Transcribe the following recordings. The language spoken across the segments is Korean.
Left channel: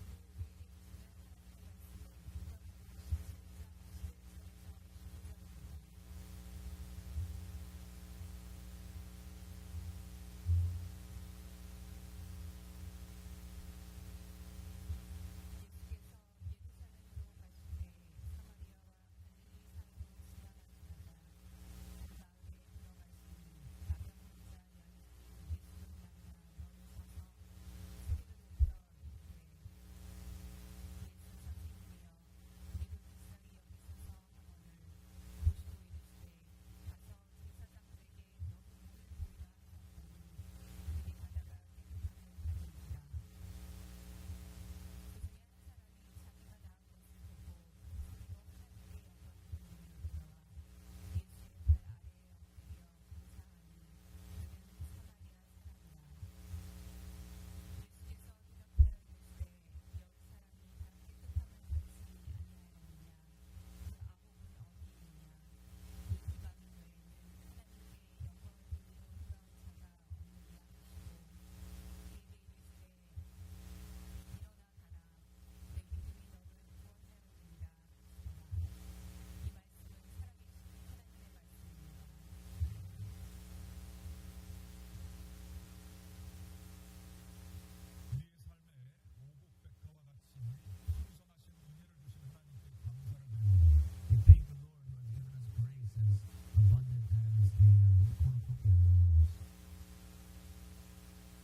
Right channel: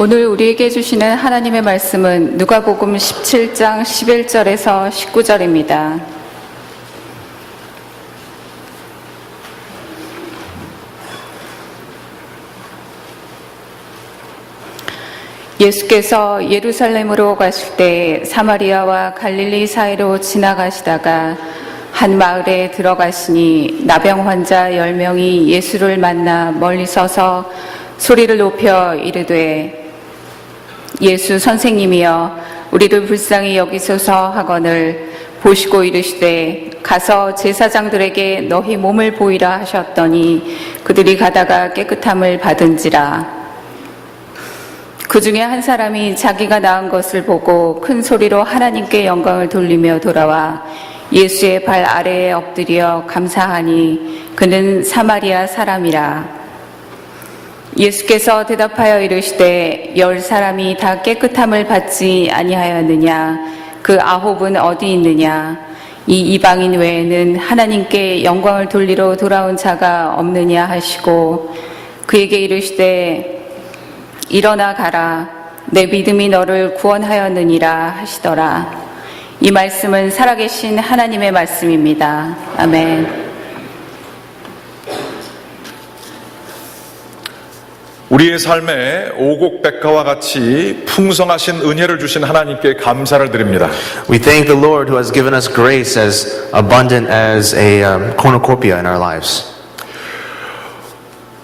오늘 우리에게 주시는 하나님의 말씀은 누가복음 17장 11절에서 19절입니다. 예수께서 예루살렘으로 가실 때 사마리아와 갈릴리 사이로 지나가시다가 한 마을에 들어가시니 나병 환자 10명이 예수를 만나 멀리 서서 소리를 높여 이르되 예수 선생님이여 우리를 불쌍히 여기소서 하거늘 보시고 이르시되 가서 제사장들에게 너희 몸을 보이라 하셨더니 그들이 가다가 깨끗함을 받은지라. 그 중에 한 사람이 자기가 나은 것을 보고 큰 소리로 하나님께 영광을 돌리며 돌아와 예수의 발 아래에 엎드려 감사하니 그는 사마리아 사람이라. 예수께서 대답하여 이르시되 10 사람이 다 깨끗함을 받지 아니하였느냐? 그 9은 어디 있느냐? 이 이방인 외에는 하나님께 영광을 돌리러 돌아온 자가 없느냐 하시고 그에게 이르시되 일어나 가라 내 믿음이 너를 구원하였느니라 하시더라. 이 말씀은 살아계신 하나님의 말씀입니다. 아멘. 우리의 삶에 오곡백과와 같이 풍성하신 은혜를 주신 하나님께 감사를 드립니다. We thank the Lord who has given us grace as abundant as a cornucopia in our lives.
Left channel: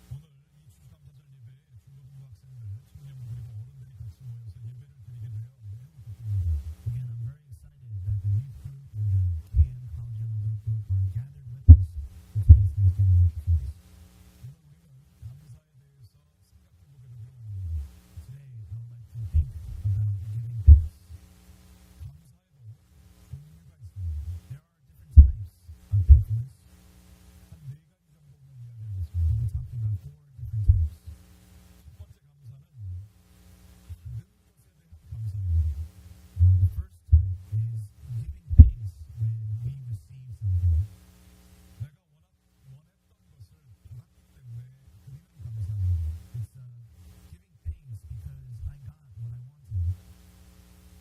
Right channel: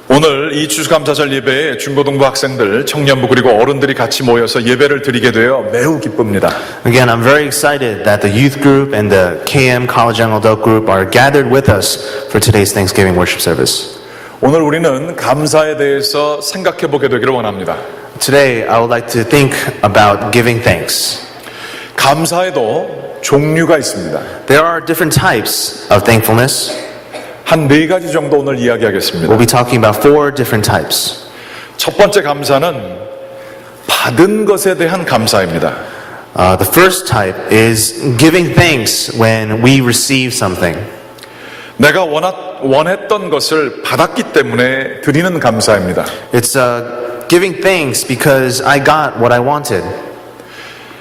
오늘 이 추수감사절 예배에 중고등부 학생들, 청년부 그리고 어른들이 같이 모여서 예배를 드리게 되어 매우 기쁩니다. Again, I'm very excited that the youth group and the KM College Young Adult group are gathered with us for today's Thanksgiving worship service. 오늘 우리는 감사에 대해서 생각해 보게 되기를 원합니다. Today, I would like to think about giving thanks. 감사에도 종류가 있습니다. There are different types of thankfulness. 한 4가지 정도 오늘 이야기하겠습니다. We'll be talking about 4 different types. 첫 번째 감사는 받은 것에 대한 감사입니다. The first type is giving thanks when we receive something. 내가 원했던 것을 받았기 때문에 드리는 감사입니다. It's giving thanks because I got what I wanted.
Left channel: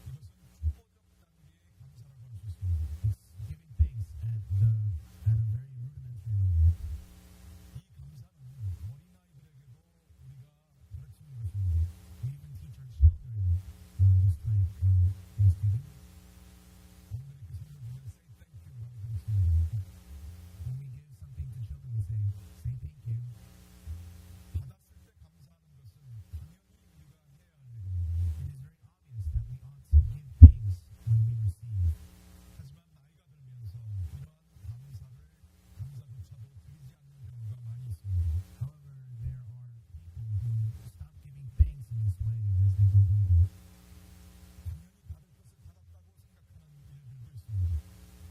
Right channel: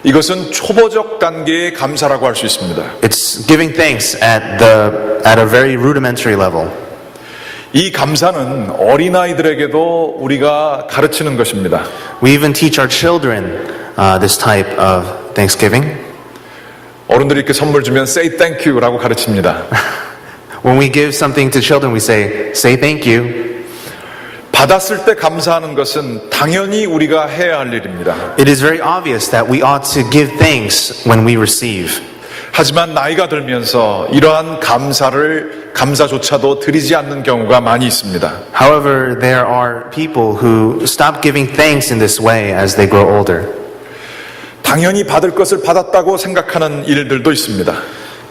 이것은 초보적 단계의 감사라고 할 수 있습니다. It's giving thanks at a very rudimentary level. 이 감사는 어린아이들에게도 우리가 가르치는 것입니다. We even teach our children this type of thanksgiving. 어른들이 이렇게 선물 주면 say thank you라고 가르칩니다. When we give something to children, we say thank you. 받았을 때 감사하는 것은 당연히 우리가 해야 할 일입니다. It is very obvious that we ought to give thanks when we receive. 하지만 나이가 들면서 이러한 감사조차도 드리지 않는 경우가 많이 있습니다. However, there are people who stop giving thanks in this way as they grow older. 당연히 받을 것을 받았다고 생각하는 일들도 있습니다.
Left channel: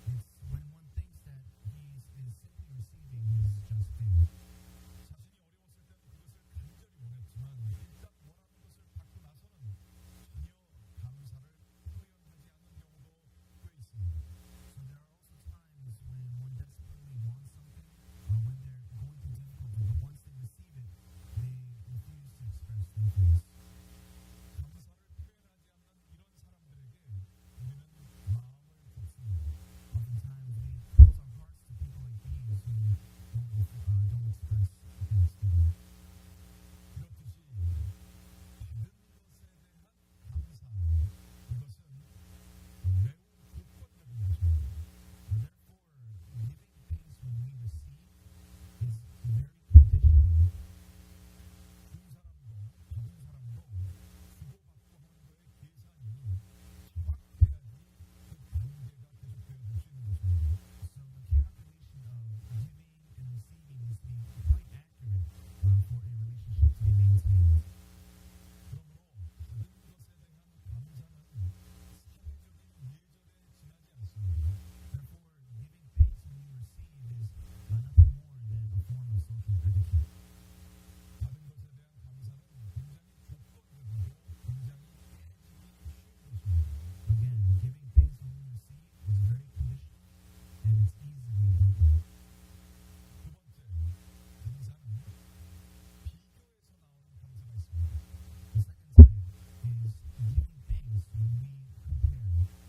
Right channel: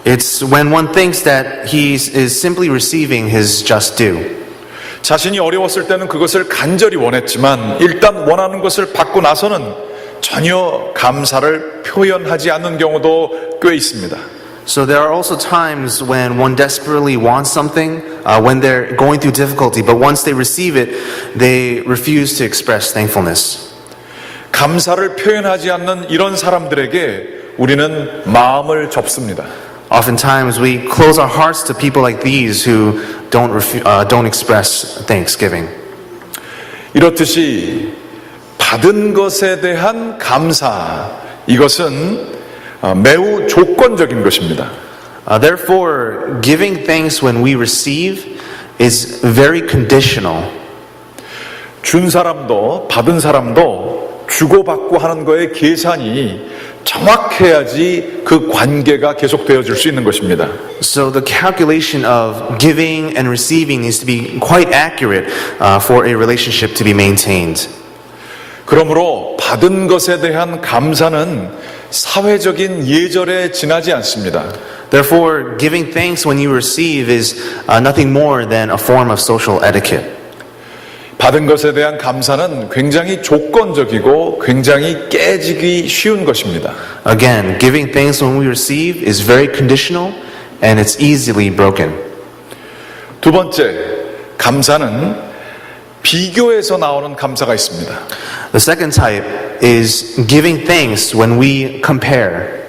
It's when one thinks that he is simply receiving his just due. 자신이 어려웠을 때는 그것을 간절히 원했지만 일단 원하는 것을 받고 나서는 전혀 감사를 표현하지 않는 경우도 꽤 있습니다. So there are also times when one desperately wants something, when they're going through difficulty, but once they receive it, they refuse to express thankfulness. 감사를 표현하지 않는 이런 사람들에게 우리는 마음을 접습니다. Oftentimes we close our hearts to people like these who don't express thanksgiving. 이렇듯이 받은 것에 대한 감사, 이것은 매우 조건적인 것입니다. Therefore, giving thanks when we receive is very conditional. 준 사람도 받은 사람도 주고받고 하는 거에 계산이 정확해야지 그 관계가 계속되어질 수 있는 것입니다. So the calculation of giving and receiving needs to be quite accurate for a relationship to be maintained. 그러므로 받은 것에 대한 감사는 사회적인 예절에 지나지 않습니다. Therefore, giving thanks when you receive is nothing more than a form of social etiquette. 받은 것에 대한 감사는 굉장히 조건적이고 굉장히 깨지기 쉬운 것입니다. Again, giving thanks when we receive is very conditional and it's easily broken. 두 번째, 감사는 비교에서 나오는 감사가 있습니다. The second type is giving thanks when we compare.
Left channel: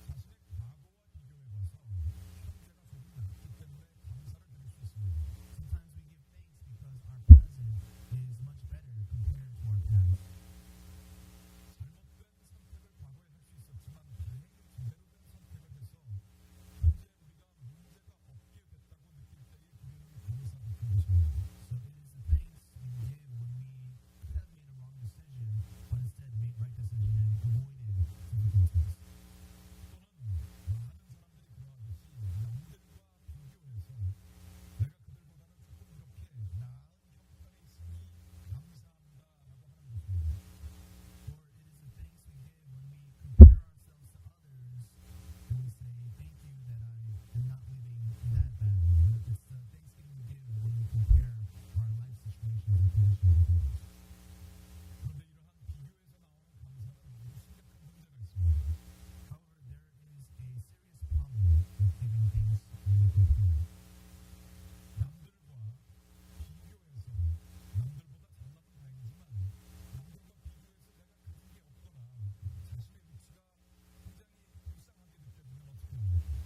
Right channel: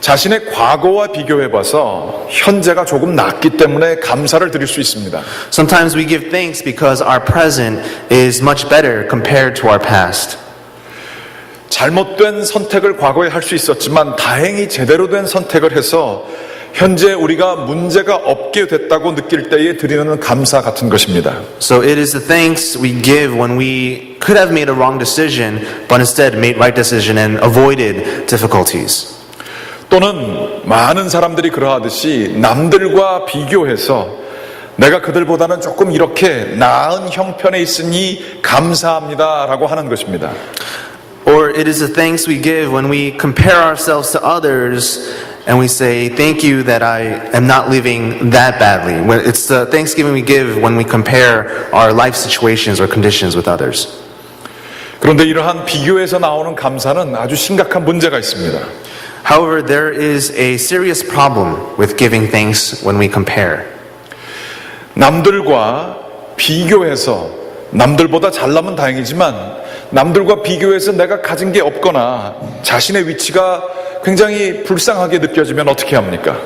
자신의 과거와 비교해봐서 현재가 조금 낫기 때문에 감사를 드릴 수 있습니다. Sometimes we give thanks because our present is much better compared to our past. 잘못된 선택을 과거에 할 수 있었지만 다행히 제대로 된 선택을 해서 현재 우리가 문제가 없게 됐다고 느낄 때에 드리는 감사 같은 것입니다. So it is the thanks we give when we could have made a wrong decision, but instead made right decision and avoided difficulties. 또는 많은 사람들이 그러하듯이 남들과 비교해서 내가 그들보다는 조금 이렇게 나은 형편에 있으니 감사합니다라고 하는 것입니다. Or it is the thanks we give when we compare ourselves to others and we say, thank you that I am not living that badly. It's the thanksgiving we give when we compare our life situations or conditions with others. 그런데 이러한 비교에서 나오는 감사는 아주 심각한 문제가 있습니다. However, there is a serious problem with giving thanks when we compare. 남들과 비교해서 남들보다 잘나면 다행이지만 남들과 비교해서 내가 가진 게 없거나 자신의 위치가 굉장히 불쌍하게 느껴지면 어떻게 합니까?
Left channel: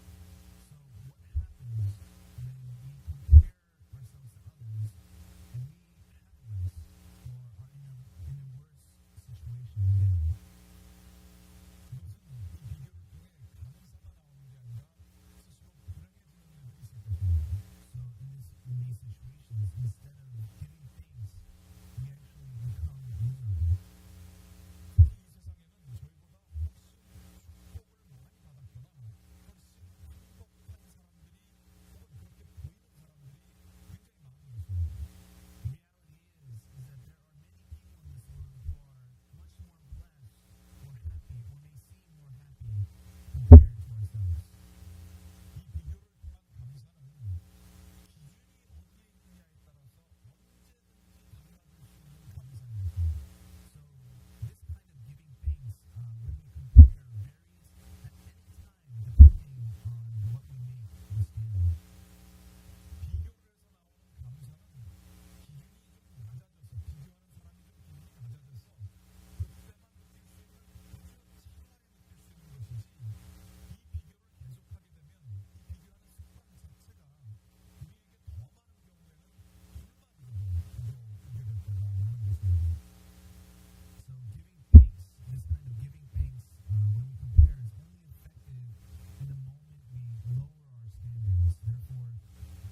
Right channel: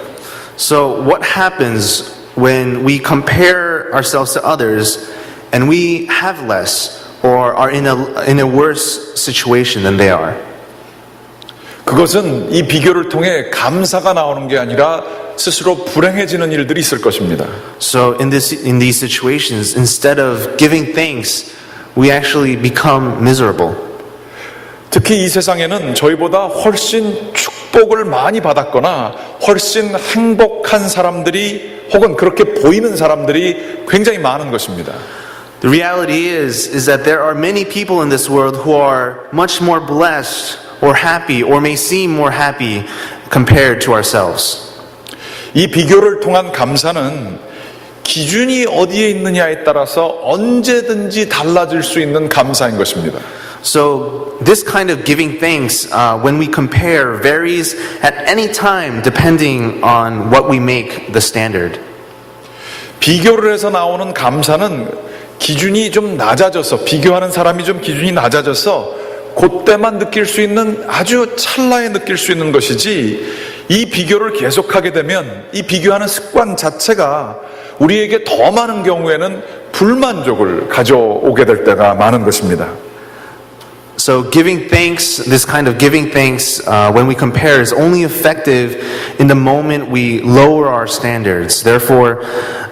So what happens when we compare ourselves to others and we have less or are in a worse situation than they are? 그것은 이 비교를 통해 감사가 나오는 게 아니라 스스로 불행해지는 일들이 있을 것입니다. So in these situations, instead of giving thanks, we actually become miserable. 특히 이 세상에는 저희보다 훨씬 축복을 많이 받았거나 훨씬 행복한 사람들이 혹은 그렇게 보이는 사람들이 굉장히 많은 것입니다. The reality is that there are many people in this world who are much more blessed or happy or may seem more happy compared to ourselves. 이 비교를 통한 감사는 기준이 어디에 있느냐에 따라서 언제든지 달라질 수 있는 감사인 것입니다. So this kind of giving thanks when we compare varies at any time depending on what we make the standard. 비교를 해서 나오는 감사는 기준이 좀 낮아져서 비교하는 사람이 좀 기준이 낮아져서 그때만 느낄 수 있는 아주 찰나에 느낄 수 있는 것이지 이 비교를 계속하게 되면 이 비교하는 습관 자체가 우리에게 더 많은 경우에는 불만족을 가져오게 될 때가 많은 것입니다. So giving thanks, this kind of giving thanks when we compare is only effective in the moment we lower our standards. Therefore,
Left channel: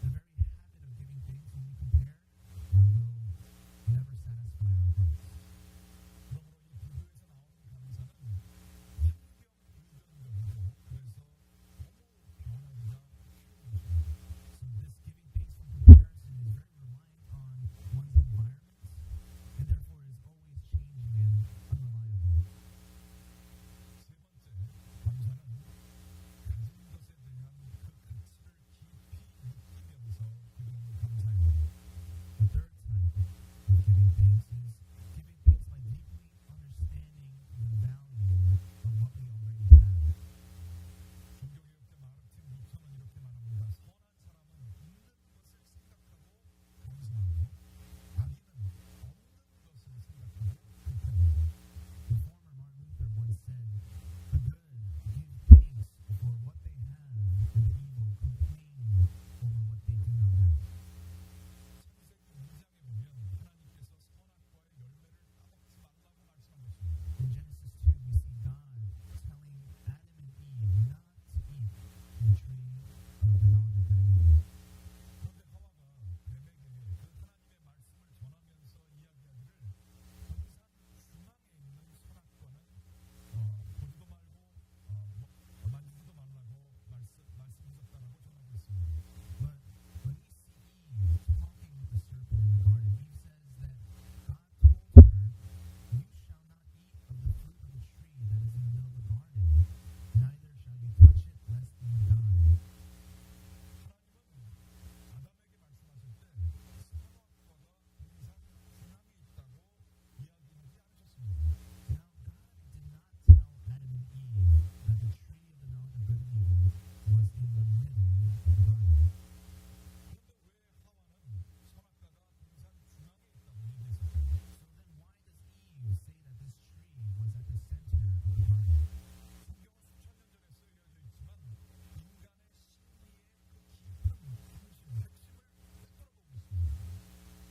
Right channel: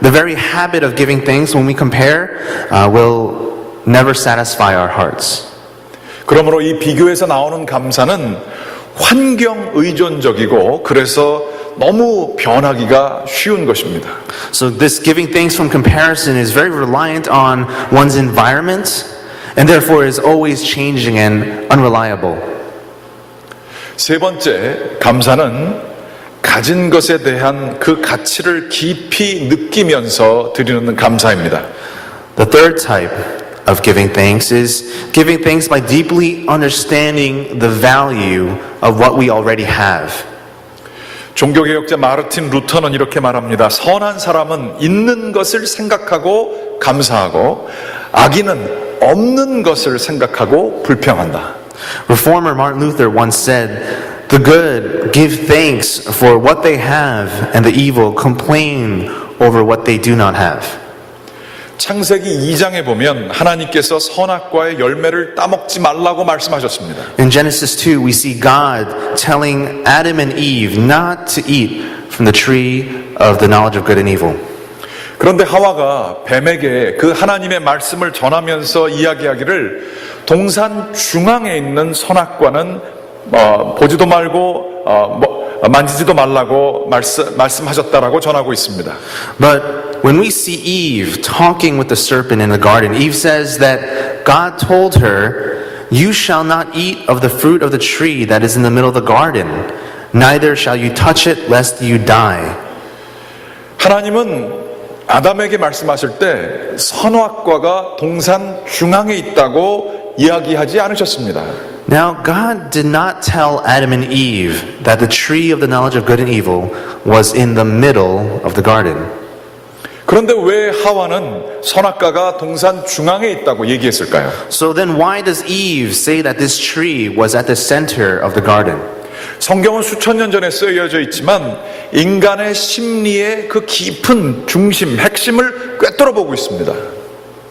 the very habit of giving thanks when we compare will never satisfy our hearts. 그러므로 이 비교에서 나오는 감사는 환경 의존적이고 그래서 너무 변하기가 쉬운 것입니다. So this giving thanks from comparison is very reliant on one's environment and therefore is always changing and unreliable. 세 번째, 감사는 가진 것에 대한 그 가치를 깊이 느끼면서 드리는 감사입니다. The third type of giving thanks is giving thanks by deeply understanding the value of what we already have. 종교개혁자 마르틴 루터는 이렇게 말합니다. 선한 사람은 있는 것을 생각하고 감사하고 악인은 없는 것을 생각하고 불평한다. Reformer Martin Luther once said, "The good give thanks for what they have, and the evil complain over what they do not have." 창세기 2장에 보면 하나님께서 선악과의 열매를 따먹지 말라고 말씀하셨습니다. In Genesis 2, we see God telling Adam and Eve not to eat from the tree of the knowledge of good and evil. 그런데 하와가 뱀에게 그 하나님의 말씀을 전하면서 이야기하기를 동산 중앙에 있는 선악과는 보지도 말고 만지지도 말라고 말씀하셨다라고 전하고 있습니다. But when we see Eve talking with the serpent in the garden, Eve says that God told her, "You shall not eat of the fruit of the tree that is in the middle of the garden, neither shall you touch it lest you die." 하나님은 아담에게 말씀하실 때 선악과가 동산 중앙에 있다고 이야기하지 않으셨습니다. Now, God did not tell Adam and Eve that the tree of the knowledge of good and evil was in the middle of the garden. 그런데 왜 하와는 선악과가 동산 중앙에 있다고 얘기했을까요? So then why does Eve say that this tree was at the center of the garden? 성경은 수천 년 전에 쓰여져 있지만 인간의 심리의 그 깊은 중심, 핵심을 꿰뚫어 보고 있습니다.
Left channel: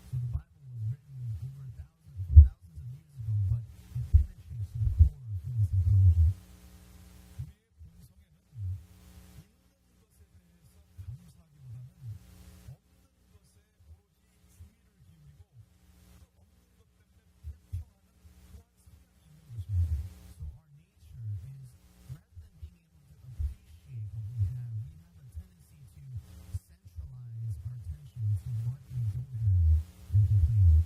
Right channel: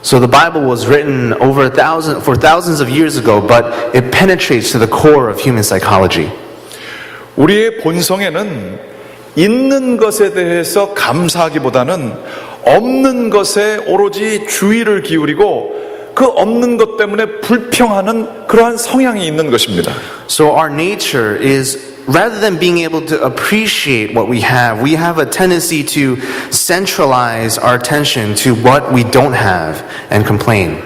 So the Bible was written for thousands of years ago, but it penetrates to the core of human psychology. 우리의 본성에는 있는 것에 대해서 감사하기보다는 없는 것에 오로지 주의를 기울이고 그 없는 것 때문에 불평하는 그러한 성향이 있는 것입니다. So our nature is, rather than being able to appreciate what we have a tendency to centralize our attention to what we don't have and complain.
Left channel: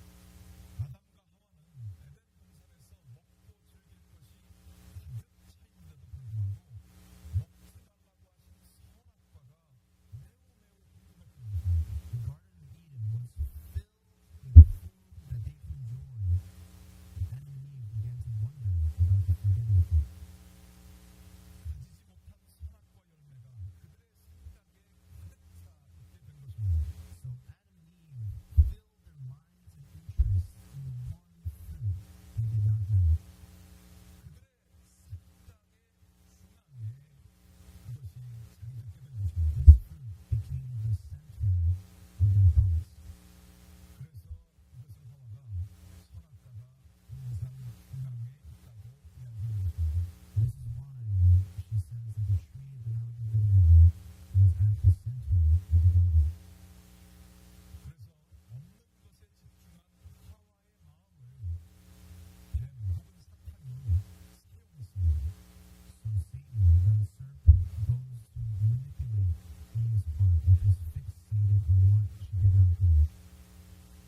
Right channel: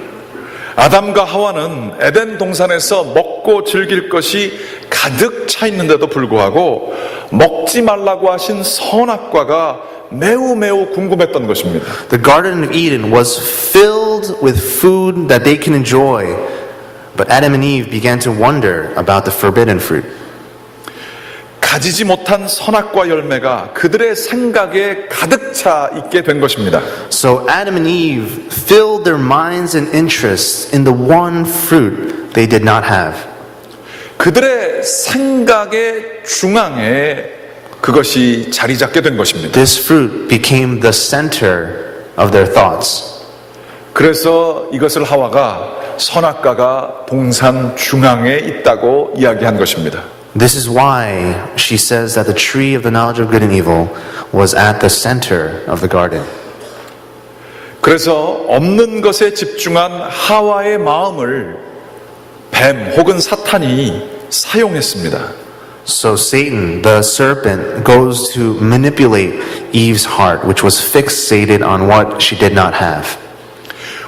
아담과 하와는 에덴 동산에서 먹고 즐길 것이 가득 차 있는데도 불구하고 먹지 말라고 하신 선악과가 매우 궁금했던 것입니다. The Garden of Eden was filled with food that they can enjoy, but Adam and Eve began to wonder about the forbidden fruit. 가지지 못한 선악과 열매가 그들의 생각에 가득 차 있게 된 것입니다. So Adam and Eve filled their minds and interests in the one fruit they did not have. 그들의 생각의 중앙에 그것이 자리 잡게 된 것입니다. This fruit became the center of their thoughts. 그래서 이것을 하와가 선악과가 동산 중앙에 있다고 이야기한 것입니다. This is why she says that the tree of the knowledge of good and evil was at the center of the garden. 그래서 없는 것에 집중한 하와의 마음을 뱀 혹은 사탄이 사용했습니다. So Satan, the serpent, goes to manipulate Eve's heart, which was fixated on what she did not have.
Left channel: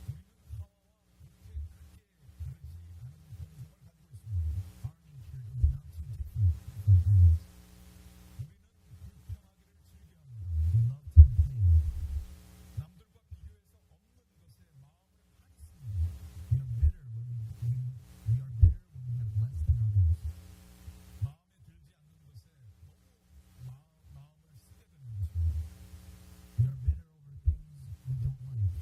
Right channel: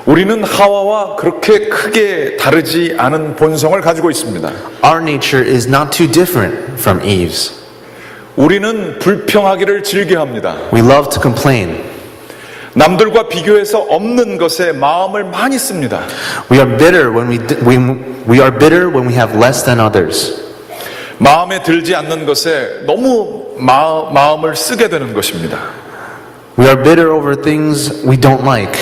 우리는 하와와 그렇게 크게 다르지 않은 본성을 가지고 있습니다. Our nature is not too different from Eve's. 우리는 불평하기를 즐겨합니다. We love to complain. 남들과 비교해서 없는 것에 마음을 많이 씁니다. We are bitter when we have less than others. 마음에 들지 않는 것에 너무 마음을 쓰게 되는 것입니다. We are bitter over things we don't like.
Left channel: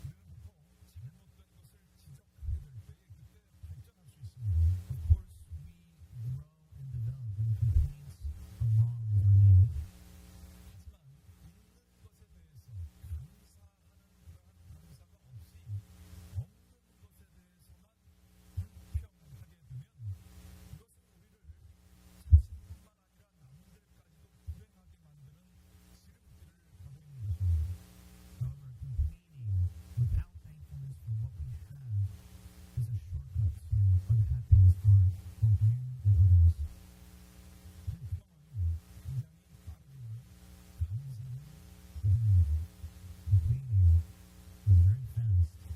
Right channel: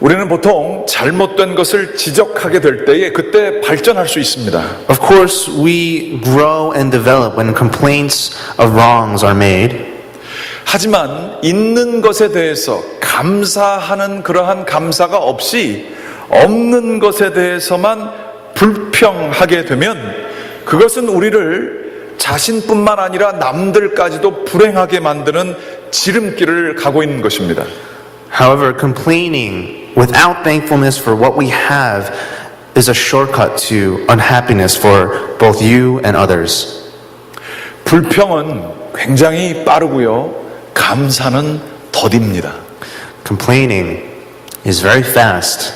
우리는 보통 잘못된 것을 지적하게 될 때에 그때 발전할 수 있습니다. Of course, we grow and develop when complaints of wrongs are made. 하지만 있는 것에 대해서 감사하는 그러한 감사가 없이 없는 것에 대해서만 불평하게 되면 그것은 우리를 자신뿐만 아니라 남들까지도 불행하게 만드는 지름길을 가고 있는 것입니다. However, complaining without thankfulness for what we have is a shortcut to unhappiness for both you and others. 불평은 굉장히 빠르고요. 감사는 더딥니다. Complaining is very fast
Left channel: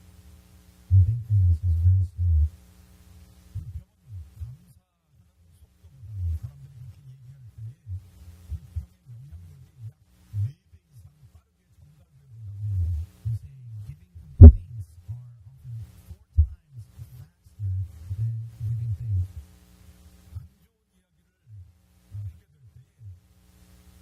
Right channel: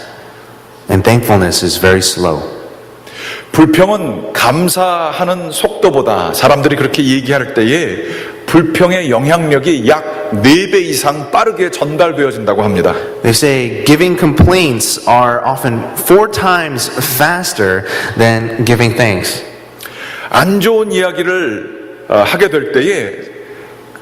and thankfulness is very slow. 불평은 감사하는 속도보다 사람들이 그렇게 얘기할 때에 불평의 영향력이 약 4배 이상 빠르게 전달되어진다고 합니다. They say giving complaints are often 4 times faster than giving thanks. 안 좋은 이야기를 하게 될 때에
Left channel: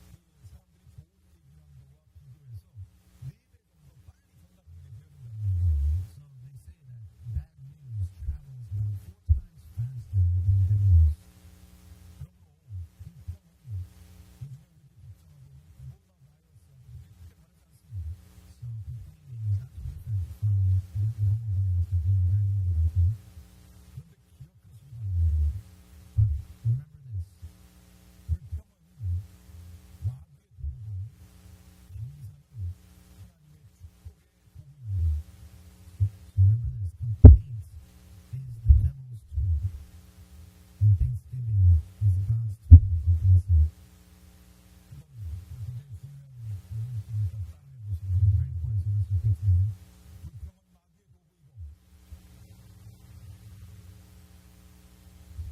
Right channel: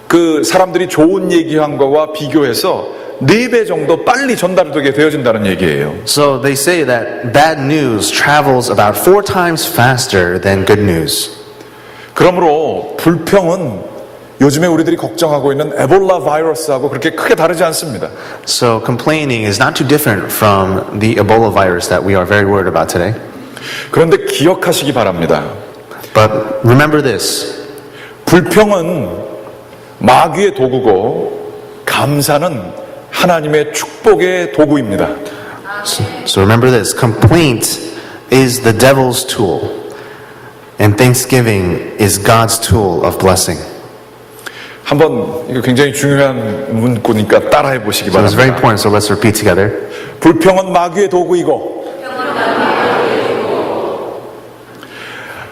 그 사람들이 좋은 얘기한 거와 비교해서 4배 정도 빨리 전달되게 되어진다는 얘기예요. So they say that bad news travels about 4 times faster than good news. 그러므로 불평은 요즘에 우리들이 걱정하고 있는 에볼라 바이러스하고 그렇게 크게 다르지 않습니다. So complaining is not too different from the Ebola virus that we are very worried about today. 그런데 기억하시기 바랍니다. But remember this. 불평은 마귀의 도구고 감사는 하나님의 축복의 도구입니다. So remember this. Complaint is the devil's tool and thanksgiving is God's tool of blessing. 한번 이거 굉장히 중요한 문구니까 따라해 보시기 So it's very 바랍니다. important, so let's repeat together. 불평은 마귀의 도구이고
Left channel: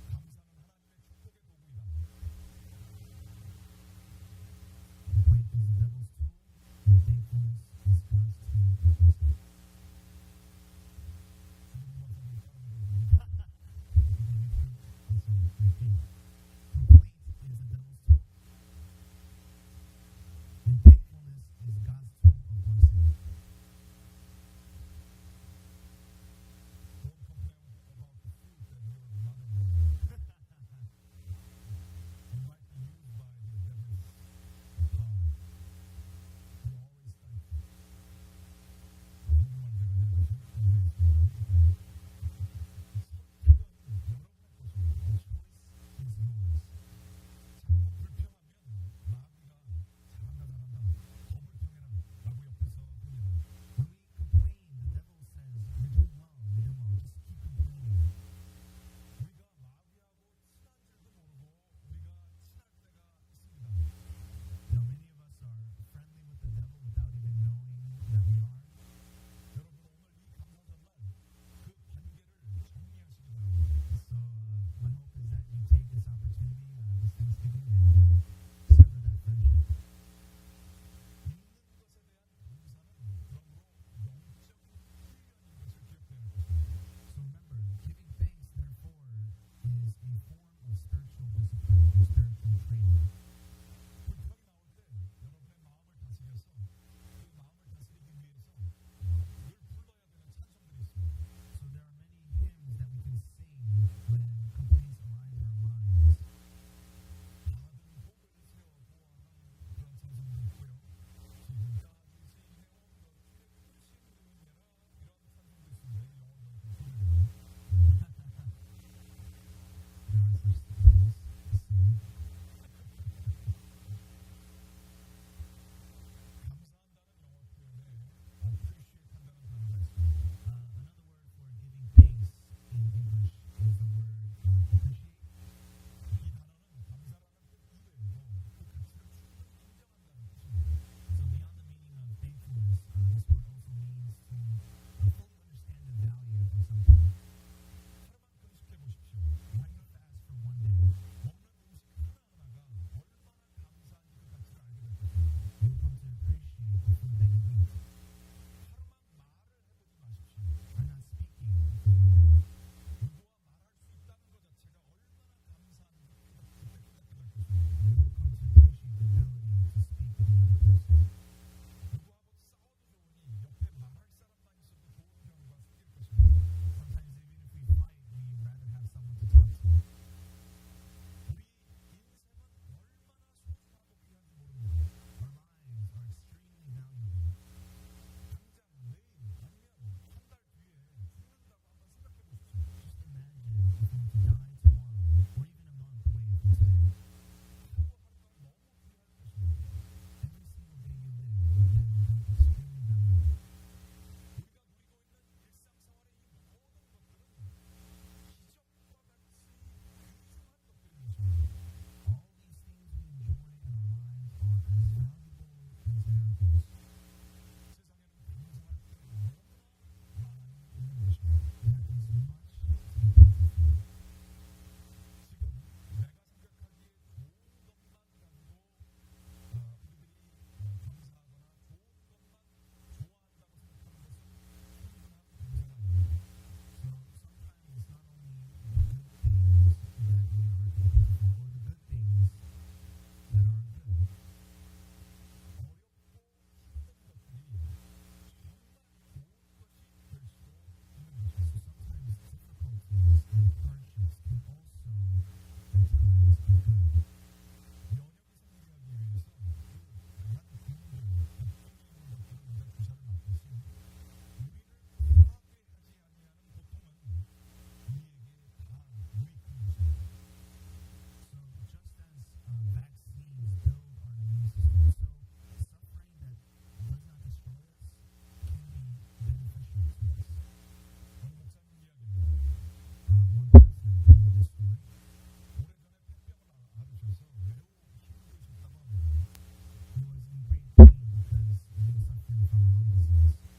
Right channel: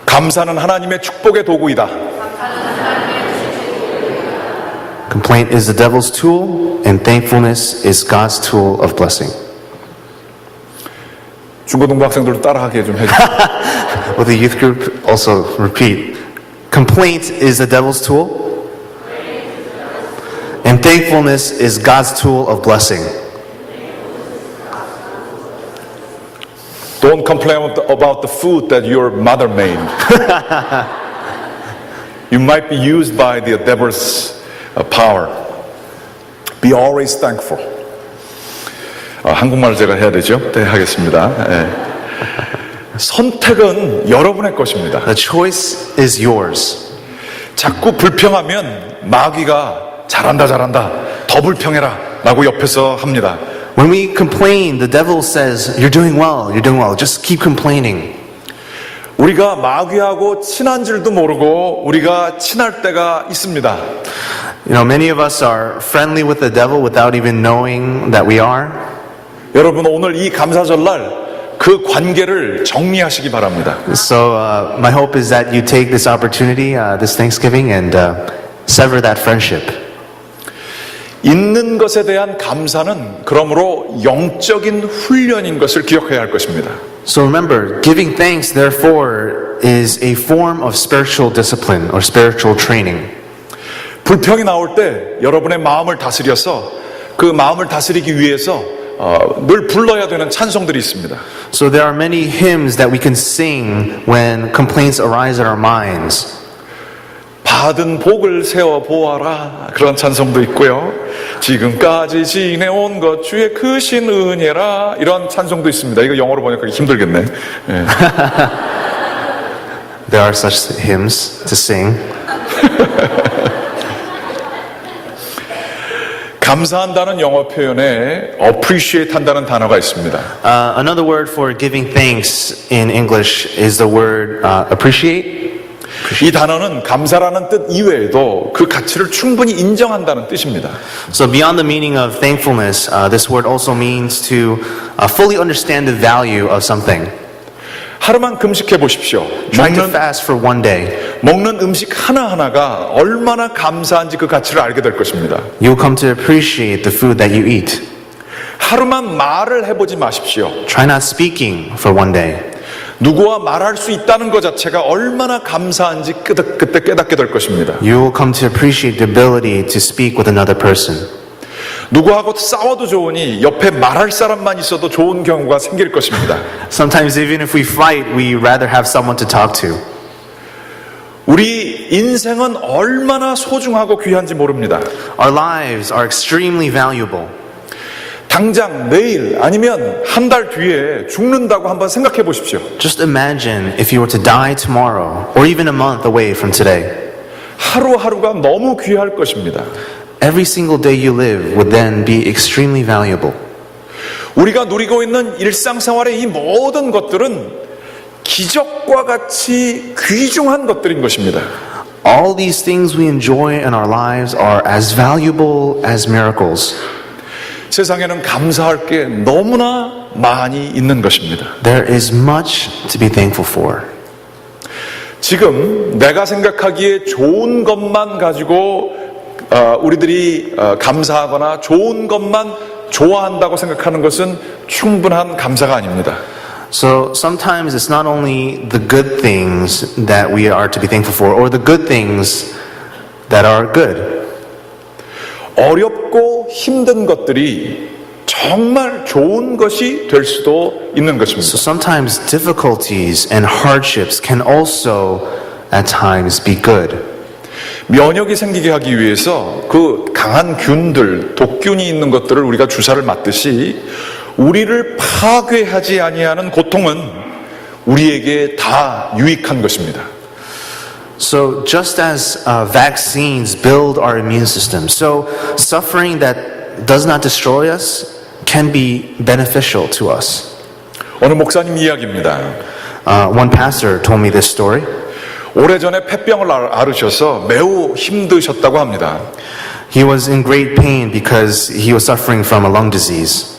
감사는 하나님의 축복의 도구이다. Complaint is the devil's tool and thankfulness is God's tool of blessing. 중고등부 학생들도 따라하게 좀 해주세요. Will the youth group also repeat? Complaint is the devil's tool Thankfulness is God's tool of blessing. Don't complain about the food that your mother made. You might be used by the devil's power. Be always thankful. 한국말 제가 해야 되죠? 네, 하겠습니다. 예. 선택은 여러분의 것입니다. The choice is yours. 자꾸 불평하면 마귀가 잘한다, 더 불평해라 라고 옆에서 합니다. When we complain, the devil says, you're doing well, just keep complaining. 우리가 마귀하고 친한 줄도 모르고 우리가 친할 때가 있습니다. You know, many of us are friendly with the devil without even knowing that we are. 여러분 오늘 이 감사절날 그 관계를 정리하시기 바랍니다. So my hope is that you take this opportunity, this Thanksgiving, and sever that friendship. 있는 것에 대한 감사는 그러므로 영적인 훈련인 것을 기억해야 할 것입니다. So remember, giving thanks, therefore, is a form of spiritual discipline or spiritual training. 불평이 나올 때 여러분의 마음을 다스려서 그 마음을 다스리기 위해서 늘 불러야 되는 찬송들이 있습니다. So there are many hymns that we can sing when complaints arise in our minds. 받은 복을 세워 보아라 그런 찬송도 있고요. 지금까지 지내온 것 주의 크신 은혜라 이런 찬송도 있습니다. 이거 영어로 번역하기 힘들겠네. 예. There are such hymns to sing. 감사한다는 영어 표현에 appreciate 한다는 단어가 있습니다. Another word for giving thanks in English is the word appreciate. 이 단어는 감사라는 뜻 이외에도 그 가치를 충분히 인정한다는 뜻입니다. So beyond the meaning of thankfulness, this word also means to fully understand the value of something. 하루만 금식해 보십시오. Trying to fast for one day. 먹는 음식 하나하나가 얼마나 감사한지 그 가치를 알게 될 것입니다. You'll come to appreciate the food that you eat. 하루만 말을 해보지 마십시오. Try not speaking for one day. 누구와 말할 수 있다는 것 자체가 얼마나 감사한지 그때 깨닫게 될 것입니다. You will come to appreciate the ability to speak with another person. 누구하고 싸워도 좋으니 옆에 말할 사람만 있어도 좋은 경우가 생길 것입니다. Sometimes even if we fight, we rather have someone to talk to. 우리 인생은 얼마나 소중하고 귀한지 모릅니다. Our lives are extremely valuable. 당장 내일 아니면 한 달 뒤에 죽는다고 한번 생각해 보십시오. Just imagine if you were to die tomorrow or even a month away from today. 하루하루가 너무 귀할 것입니다. Every single day you live would then be extremely valuable. 우리가 누리고 있는 일상생활의 이 모든 것들은 기적과 같이 귀중한 것들인 것입니다. All these things we enjoy in our lives are as valuable as miracles. 세상에는 감사할 게 너무나 많이 있는 것입니다. There is much to be thankful for. 지금 내가 생각하기에 좋은 것만 가지고 우리들이 감사하거나 좋은 것만 좋아한다고 생각하는 것은 충분한 감사가 아닙니다. So sometimes it's not only the good things that we are to be thankful for or the good things that are good. 어렵고 힘든 것들이 정말 좋은 것이 될 수도 있는 것입니다. So sometimes difficulties and hardships can also at times be good. 면역이 생기게 하기 위해서 그 강한 균들, 독균이 있는 것들을 우리가 주사를 맞듯이 우리를 파괴하지 아니하는 고통은 우리에게 다 유익한 것입니다. So just as vaccines build our immune system, so suffering that does not destroy us can be beneficial to us. 어느 목사님 이야기입니다. One pastor told me this story. 오래전에 폐병을 앓으셔서 매우 힘드셨다고 합니다. He was in great pain because he was suffering from a lung disease.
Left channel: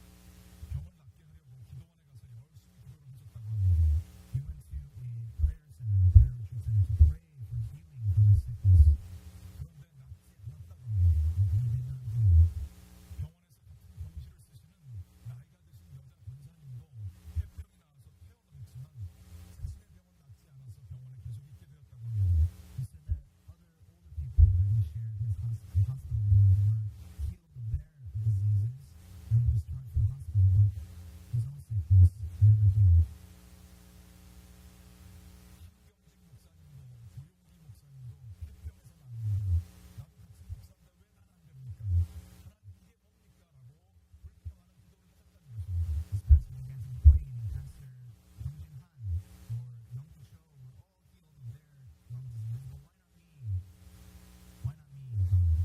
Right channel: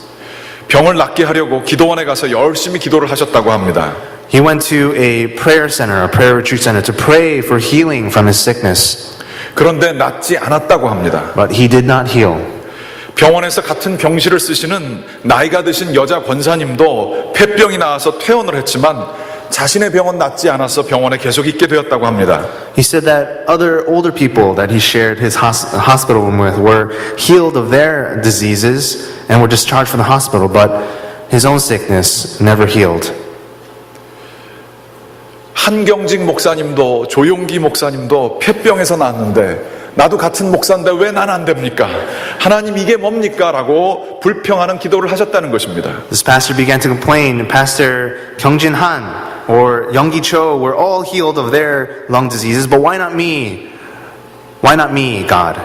병을 낫게 하려고 기도원에 가서 열심히 기도를 하셨다고 합니다. He went to a prayer center, a prayer retreat center, to pray for healing from his sickness. 그런데 낫지 않았다고 합니다. But he did not heal. 병원에서 같은 병실을 쓰시는 나이가 드신 여자 권사님도 폐병이 나와서 퇴원을 했지만 자신의 병은 낫지 않아서 병원에 계속 있게 되었다고 합니다. He said that other older people that he shared his hospital room with were healed of their diseases and were discharged from the hospital, but his own sickness never healed. 한경직 목사님도 조용기 목사님도 폐병에서 나왔는데 나도 같은 목사인데 왜 난 안 됩니까? 하나님 이게 뭡니까? 라고 불평하는 기도를 하셨다는 것입니다. This pastor began to complain. Pastor Kyungjin Han or Youngi Cho were all healed of their lung diseases, but why not me? Why not me, God?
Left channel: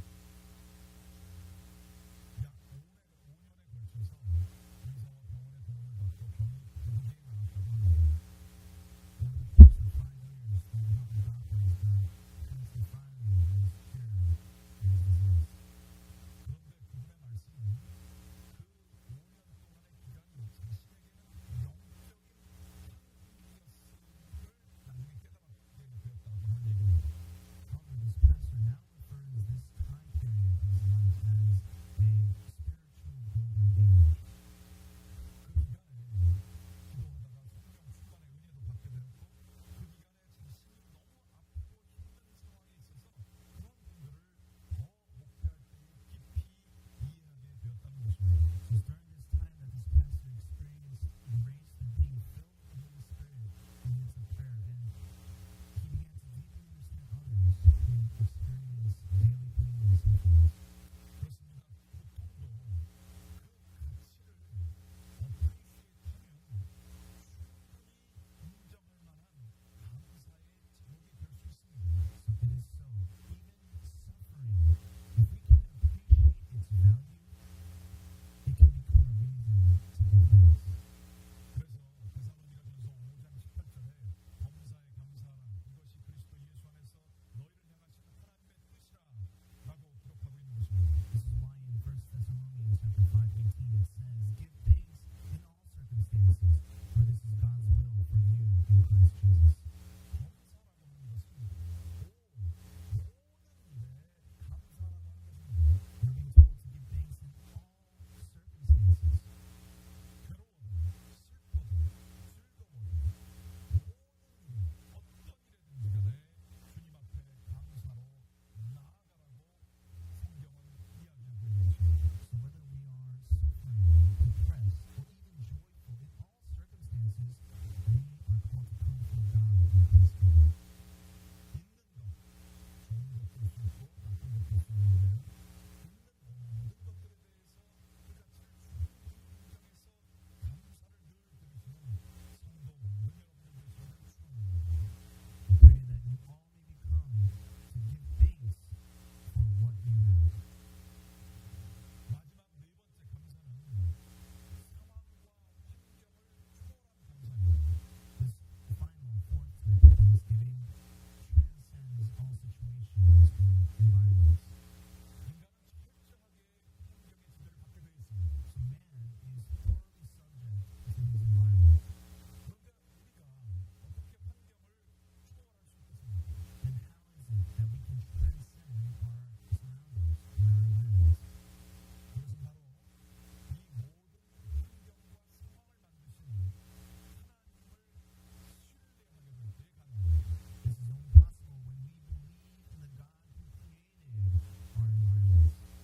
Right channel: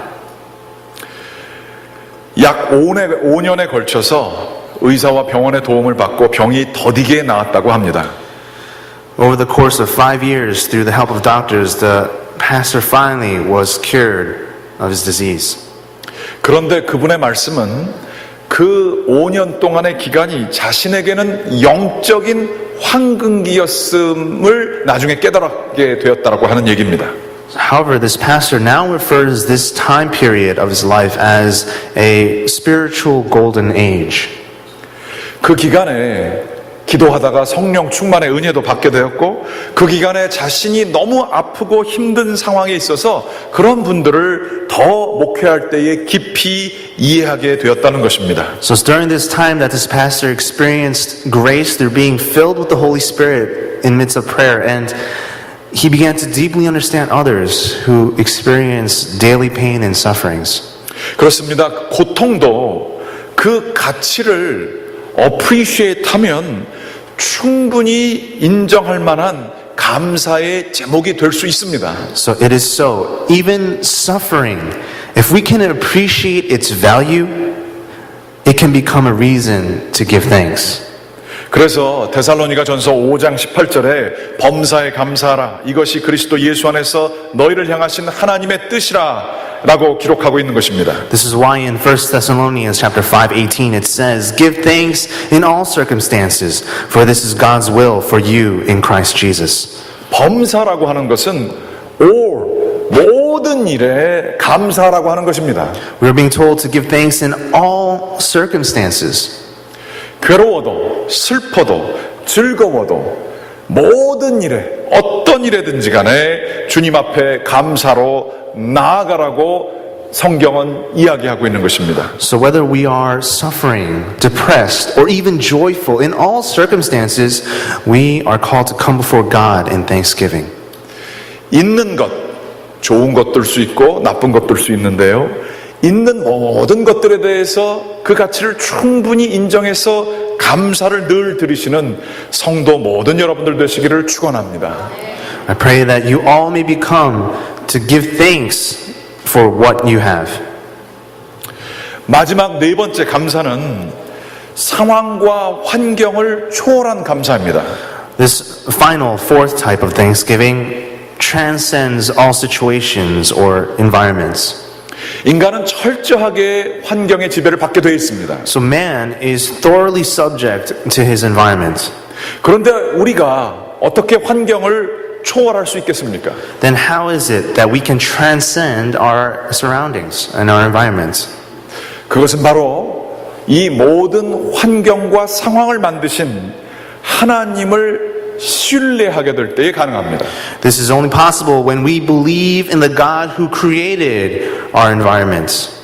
약 5년에 걸쳐서 의사와 병원의 도움을 받고 병이 더디게 나았다고 합니다. Over the course of 5 years, through the help of doctors, the pastor finally was cured of his disease. 그런데 그분의 말씀은 그 5년 동안의 기간이 자신에게는 영적인 황금기였음을 나중에 깨달게 되었다고 하는 얘기입니다. However, this pastor now refers this time period of his life as a spiritual golden age. 그 기간에 기도하다가 성령 충만의 은혜도 받게 되었고 그 기간에 자신이 너무 아프고 힘든 상황에 있어서 그런 분들을 더 목회할 때에 깊이 이해하게 되었다는 것입니다. So it's during this time that this pastor experienced grace through being filled with the Holy Spirit in midst of prayer, and he began to deeply understand others who experience daily pain and sufferings. 그렇습니다. 고통도 그 가치를 appreciate 하면 충분히 인정할 만한 감사의 제목이 될 수 있습니다. So it is so. Even suffering, if we can appreciate its value, it can become a reason to give thanks. 그래서 데살로니가 전서 5장 18절에 범사에 감사하라. 이것이 그리스도 예수 안에서 너희를 향하신 하나님의 뜻이라 라고 기록하고 있는 것입니다. This is why in 1 Thessalonians chapter 5:18 it says, "Give thanks in all circumstances, for this is God's will for you in Christ Jesus." 범사라고 하는 것은 모든 일에 감사라고 하는 것입니다. We are being told to give thanks in all circumstances. 괴로워도 슬퍼도 즐거워도 모든 일에 어떤 일에든지 간에 주님 앞에 감사로 나아가라고 성경은 이야기하고 있는 것입니다. So whether we are suffering, depressed, or even joyful, in all circumstances, we are called to come before God in thanksgiving. 있는 것, 좋은 것들 수 있고 나쁜 것들 수 있는데요. 있는 모든 것들에 대해서 그 가치를 충분히 인정해서 감사를 늘 드리시는 성도 모든 여러분들 되시기를 축원합니다. I pray that you all may become to give thanks for what you have. 마지막 네 번째 감사는 상황과 환경을 초월한 감사입니다. This final fourth type of thanksgiving transcends all situations or environments. 인간은 철저하게 환경의 지배를 받게 되어 있습니다. So man is thoroughly subject to his environment. 그런데 우리가 어떻게 환경을 초월할 수 있겠습니까? Then how is it that we can transcend our surroundings and our environments? 그것은 바로 이 모든 환경과 상황을 만드신 하나님을 신뢰하게 될 때에 가능합니다. This is only possible when we believe in the God who created our environments.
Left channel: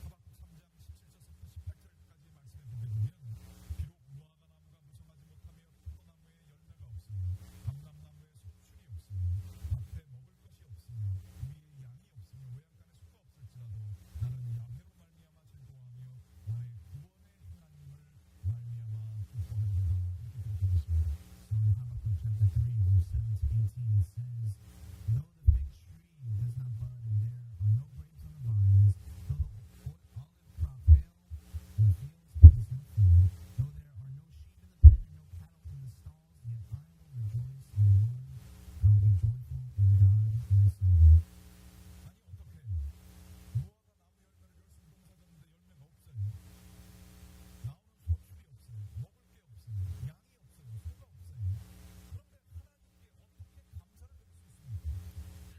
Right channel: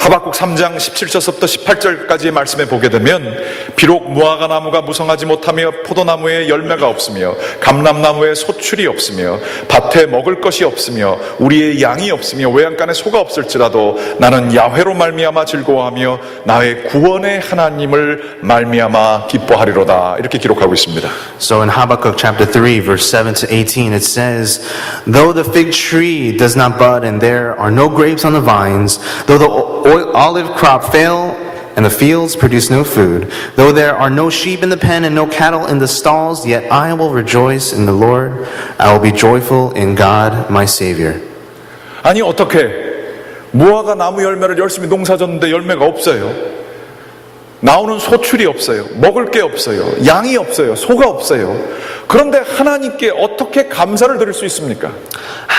하박국 3장 17절부터 18절까지의 말씀에 보게 되면 비록 무화과 나무가 무성하지 못하며 포도나무에 열매가 없으며 감람나무에 소출이 없으며 밭에 먹을 것이 없으며 우리의 양이 없으며 외양간에 소가 없을지라도 나는 야훼로 말미암아 즐거워하며 나의 구원의 하나님을 말미암아 기뻐하리로다. 이렇게 기록하고 있습니다. So in Habakkuk chapter 3 verse 7 to 18 it says, "Though the fig tree does not bud and there are no grapes on the vines, though the olive crop fail and the fields produce no food, though there are no sheep in the pen and no cattle in the stalls, yet I will rejoice in the Lord. I will be joyful in God my Savior." 아니 어떻게 무화과 나무 열매를 열심히 농사졌는데 열매가 없어요. 나오는 소출이 없어요. 먹을 게 없어요. 양이 없어요. 소가 없어요. 그런데 하나님께 어떻게 감사를 드릴 수 있습니까?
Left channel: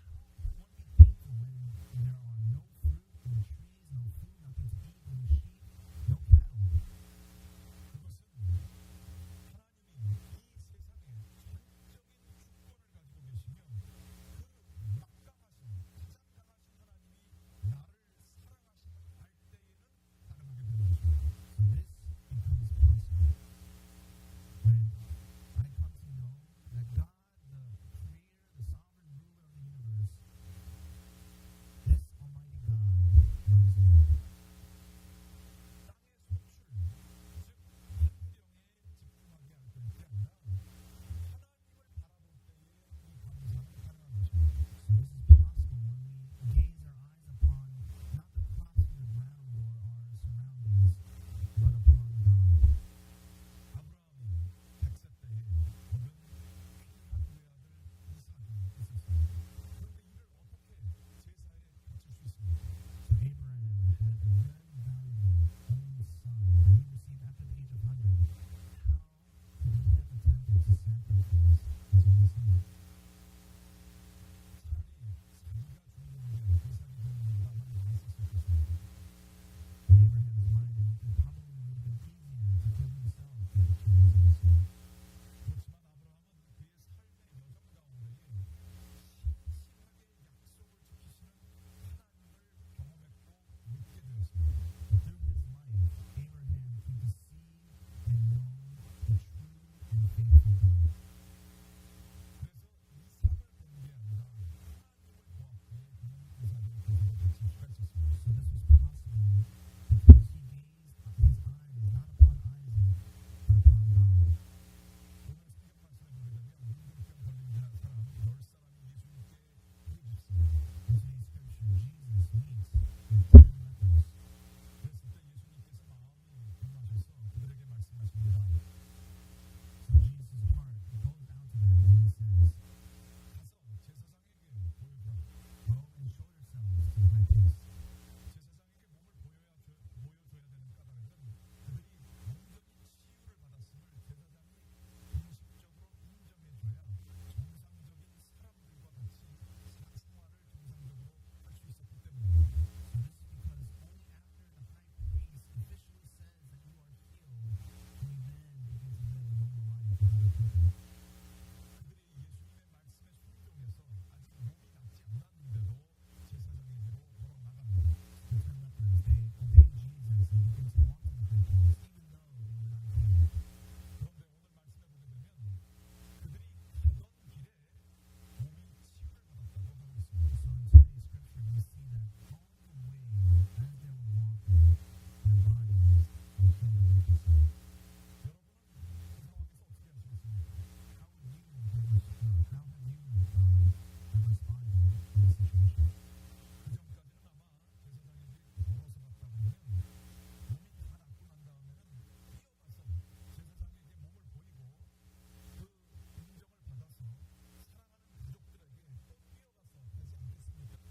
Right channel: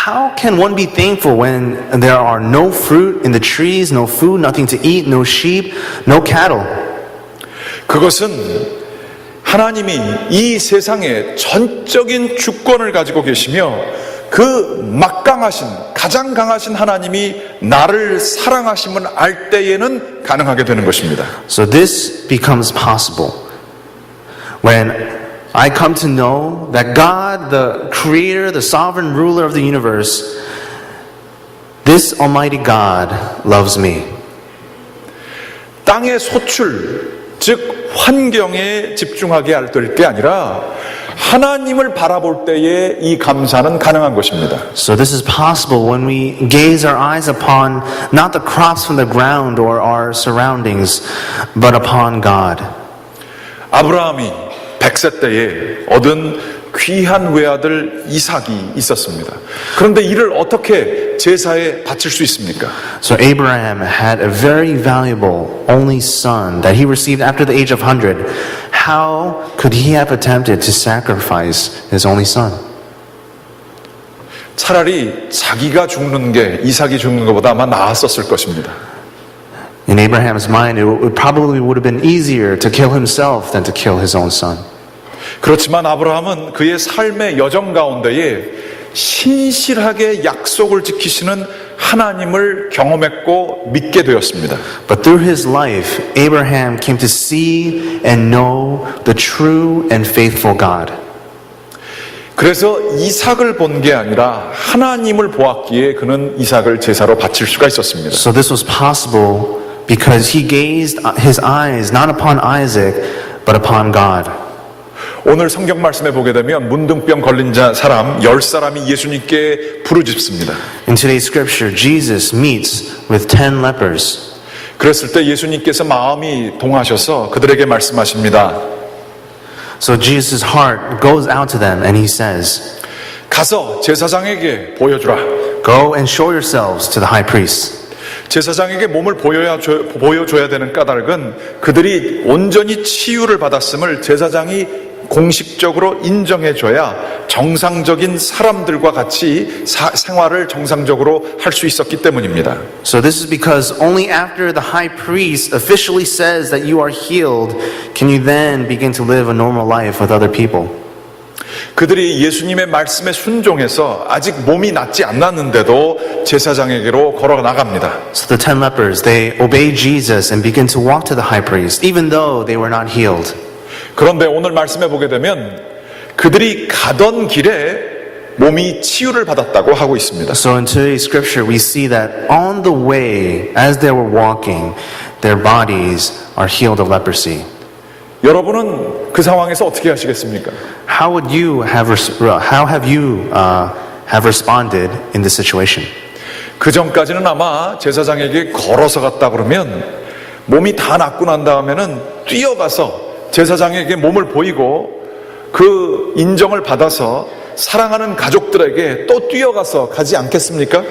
How can one be thankful when there are no fruit in the trees, no food, nothing to eat, no sheep, no cattle? 그것은 하나님이 이 세상에 전적인 주권을 가지고 계시며 그 막강하신 가장 강하신 하나님이 나를 사랑하심을 알 때에는 가능하게 되는 것입니다. So this becomes possible when I come to know that God, the creator, the sovereign ruler of the universe, this almighty God loves me. 땅의 소출, 즉 환경에 집중하게 될 게 아니라 하나님을 바라볼 때에 이 감사는 가능한 것입니다. So this is possible when we gaze our eyes upon not the crops from the ground or our surroundings, but upon God. 아브라함이 100세 때에 얻은 귀한 외아들 이삭이 있었습니다. 그런데 이를 어떻게 제사에 바칠 수 있습니까? So Abraham had a very valuable only son that he received after the age of 100. How could he have attempted to sacrifice his only son? 차라리 자기가 죽는 게 이삭이 죽는 것보다 아마 나았었을 것입니다. In Abraham's mind, it probably would have been easier to kill himself than to kill his own son. 그렇지만 아브라함은 그의 삶의 여정 가운데에 신실하게 약속을 지키시는 하나님을 경험했고 믿게 되었습니다. But through his life, Abraham came to see and know the true and faithful God. 그래서 이삭을 본 게 아니라 하나님을 보았기에 그는 이삭을 제사로 바칠 수가 있었습니다. So this was possible because he gazed his eyes not upon Isaac, but upon God. 오늘 성경 말씀에 보게 되면 문둥병 걸린 사람 10사람이 예수님께 부르짖습니다. In today's scripture, Jesus meets with 10 lepers. 그랬을 때 예수님께서 마음이 동하셔서 그들에게 말씀하십니다. So Jesus' heart goes out to them and he says, 가서 제사장에게 보여주라. Go and show yourselves to the high priest. 제사장에게 몸을 보여줘야 되는 까닭은 그들이 온전히 치유를 받았음을 제사장이 공식적으로 인정해줘야 정상적인 사람들과 같이 생활을 정상적으로 할 수 있었기 때문입니다. So this is because only after the high priest officially says that you are healed can you then begin to live a normal life with other people. 그들이 예수님의 말씀에 순종해서 아직 몸이 낫지 않았는데도 제사장에게로 걸어 나갑니다. So the 10 lepers, they obey Jesus and begin to walk to the high priest even though they were not healed. 그런데 오늘 말씀해 보게 되면 그들이 가던 길에 몸이 치유를 받았다고 하고 있습니다. So in today's scripture we see that on the way as they were walking their bodies are healed of leprosy. 여러분은 그 상황에서 어떻게 하시겠습니까? How have you responded in this situation? 그 전까지는 아마 제사장에게 걸어서 갔다 그러면 몸이 다 낫고 난 다음에는 뛰어가서 제사장에게 몸을 보이고 그 인정을 받아서 사랑하는 가족들에게 또 뛰어가서 가지 않겠습니까?